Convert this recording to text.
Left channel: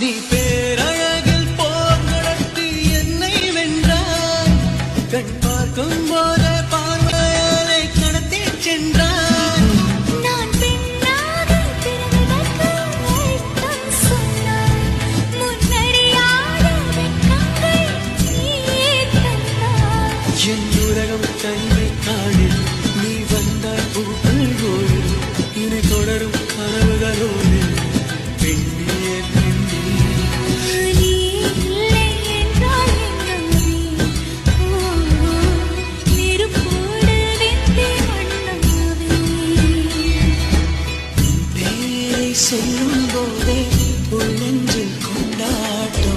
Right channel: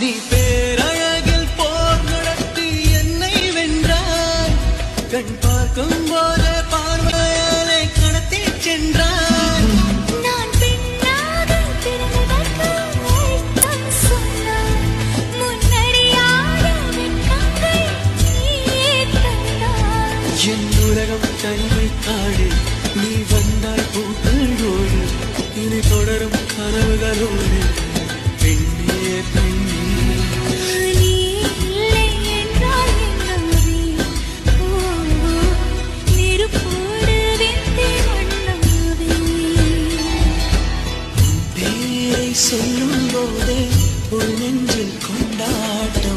நீ பேரழகில் போர் நடத்தி என்னை வென்றாய். கண் பார்க்கும் போது பார்வையாலை கடத்தி சென்றாய். நான் பெண்ணாக பிறந்ததற்கு அர்த்தம் சொன்னாய். முன்னறியாத வெட்கங்கள் நீயே தந்தாய். என் உலகம் தனிமை காடு. நீ வந்தாய் பூக்களோடு. இனி தொடரும் கனவுகளோடு. பெண்ணே பெண்ணே நீ இல்லை என்றால் என்னாவே? நெருப்போடு வெந்தே மண்ணாவே. பேரை சொல்லும் போதே உள் நெஞ்சில் கொண்டாட்டம்.